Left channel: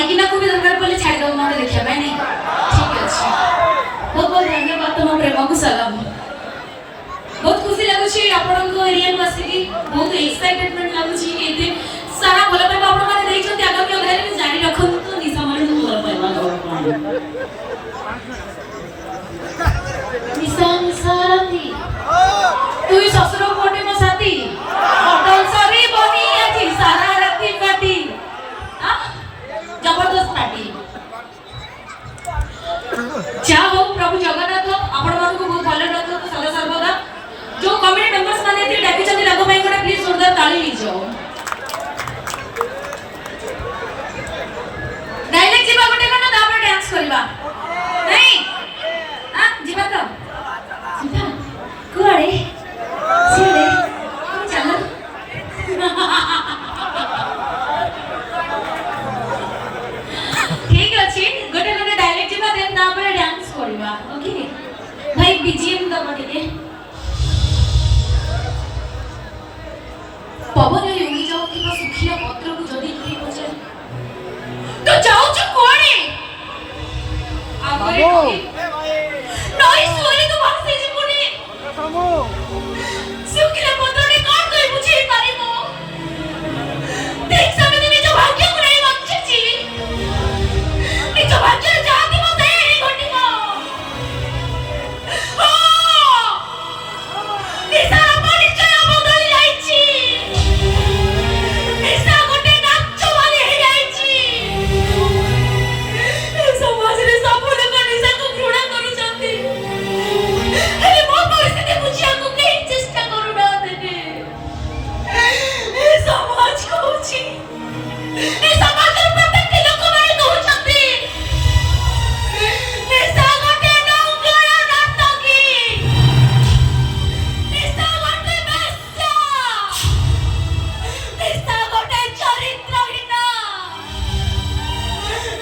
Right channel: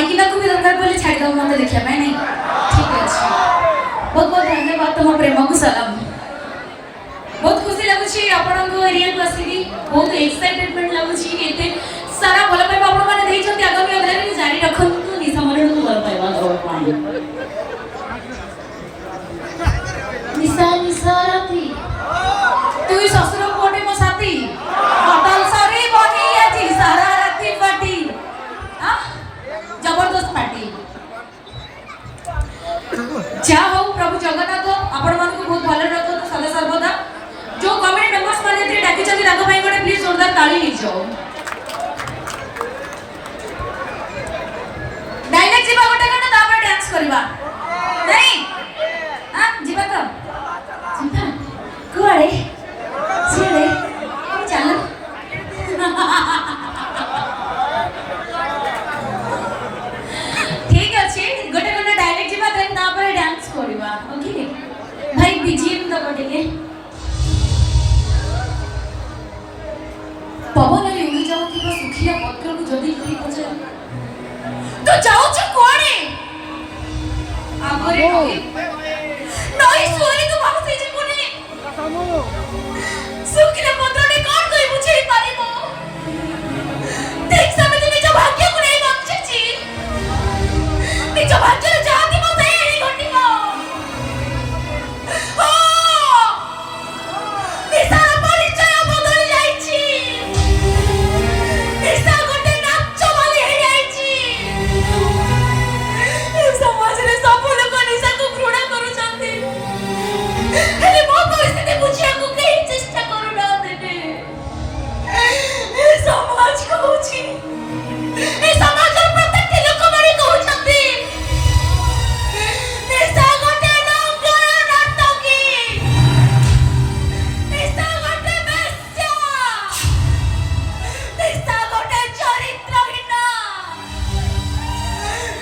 माइकिना को भी दरकार पड़े छाड़ दो मत देखिया भाई नहीं ठीक है अच्छा बहुत बहुत धन्यवाद तुम प्रेम को सलाम बहुत खुशी लगुची आपण को एरिया को आसी बहुत एक्साइटमेंट लगुची एते सारा भलो पाइबा आपण माने देइछन्ती आगामी अध्याय रे जारी रखन्तु निशा मरण को भलो पाइबा दो पानी निशा निशा राती तू ससुर को कोटे मो साथी होटल सारी बनी आछि सारा राती पार्टी हां जबरदस्त पार्टी जा हो प्रभु जगन्नाथ आपण मान को बहुत भलो रखो सदा सर्वदा जो कमेटी मेंबर्स माने थे डाकी चंदी राघव भाई को प्लीज जोरदार ताली दी जाओ डायरेक्ट जीवा गोटे कना तापर डांस करबा नहीं हां जीवा तो जीवा कुआड़े सीड़े चलो ठीक अछि गोटे कना डायरेक्ट जीवा देन तापर डांस करबा ओके भाई बीजीएम दबा टिके पवन रे उड़ी जाओ कि सुखिया पत्र को जदी करी पछे तो जाओ छ कोणे आबरे नई सोरी तो भासे जे कोने समो सुखिया पत्र ने कोन कई बुझे पारिमो देख समिति निज भाग्य को नहीं बचछि निज भाग्य रे जाति मते ही घटिबो ओ निसार परिचय बदल जाईछि निसा गोटे नाच वाली हे जाईछि समाज रे सब लोग निसा को घृणा करूछन्ती हेले मो परिस्थिति बुझिया को केही चेष्टा करू ना देने ए समाज को बुझी ए समाज रे प्रत्येक लोक माने कहउछन्ती निसा गोटे नौकया नाटकी निसा गोटे बेश्या निसा गोटे चरित्रहीना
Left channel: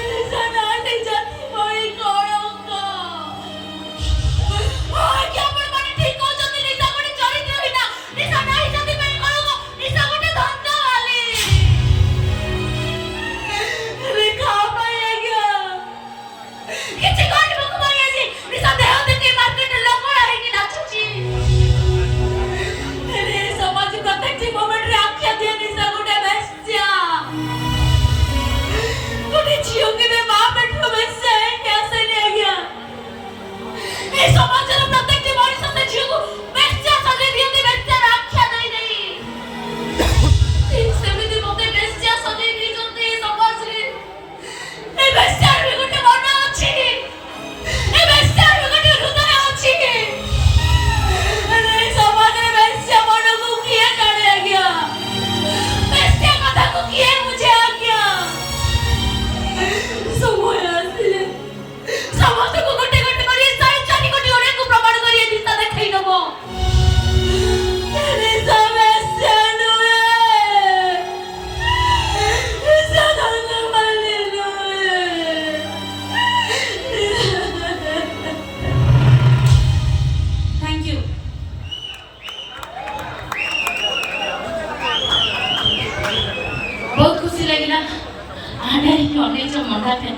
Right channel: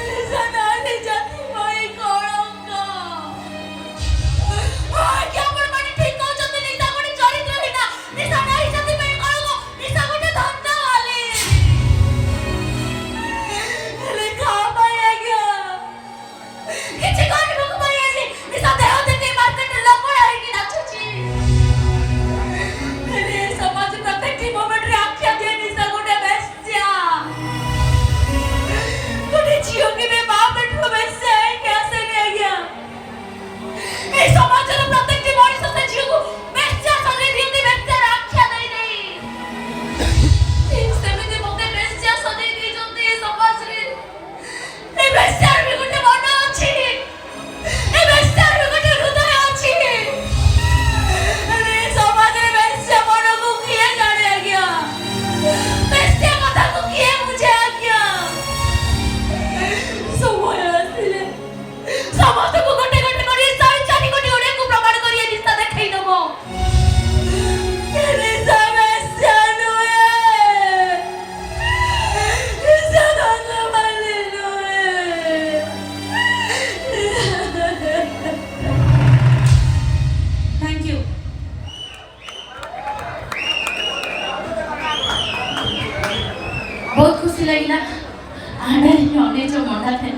निसा नानी जन्म होई कलंक आज्ञा आपण माने ठीक कहउछन्ती निसा गोटे चरित्रहीना निसा नाही जति पे कलंक निसा गोटे धन्यवाली रे खा पाए आज्ञा किछि करबो को पाई आसी निसा देह देखि मार्केट लंगड़ा हेकी नाचुची रे समाज प्रत्येक मोमेंट रे आख्या दिया निसा गोटे बेश्या गोटे झियो के बे मां पेटो बेश्या है कैसे नहीं आ गया ए समाज रे प्रत्येक मनुष्य से झियो को बेश्या सजे दियती बेश्या आख्या नहीं नहीं सेमिति मोते बेश्या सजे दी जंती समाज रे ए बेश्या रे गोटे मन अछि ए बेश्या रे गोटे हृदय अछि अरे समाज रे बेश्या मन को किए जाने आ गया बेश्या कथा को किए मुझे आ गया समय आसिले समस्त को गोटे गोटे करी साई चानी गोटे ओरे को प्रमाण करी दिशा देखाई दबो अरे बेश्या नुए बेश्या धन माने नुए थैंक यू बहुत खुशी लगिला आडा ही अनेक मंडा फेन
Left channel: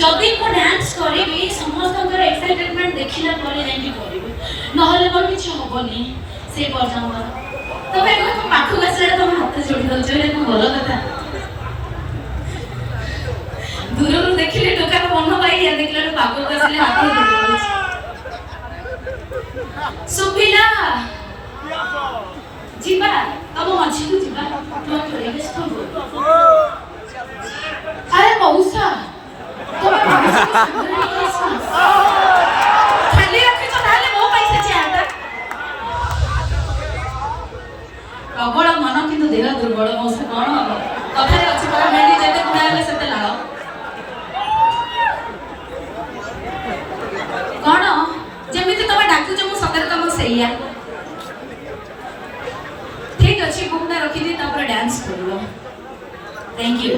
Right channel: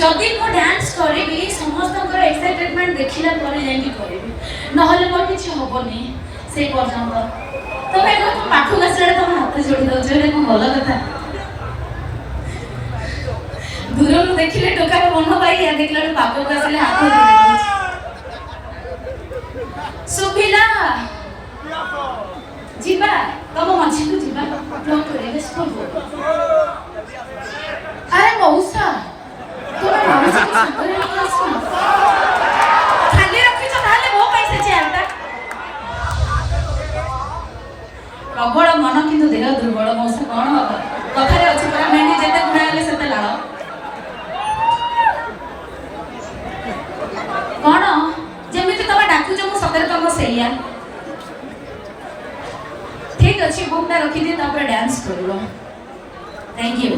जदि को डांस करेबी समस्त एक्साइटमेंट देखिला परे जाई करेबी नहले मोर किछ होबनी से पर्यंत तबे को पाखु गसरे तुम हाथ जोड़ी दो जे को भलो कथा दूर देखिले टोका मन पाई या देखला पाखु गसले हाथ जोड़ी दो सुभिला जीवा तम मझी को जीवा तो करे स्टॉप अरे मौसा तुम मौसा के सामने नहीं खाली रखी छ ताले मो पैसे छे आटा प्रबल मन किंतु देह दुर्बल मौसा कोन कथा रे अछि पर मेंडी जेते गुणा गेले सेते लाळ कोन जेमिति तमे डाकु जे मु सतर तम सैया ठीक अछि बुकटा रखी दे तापर डांस करलो थैंक यू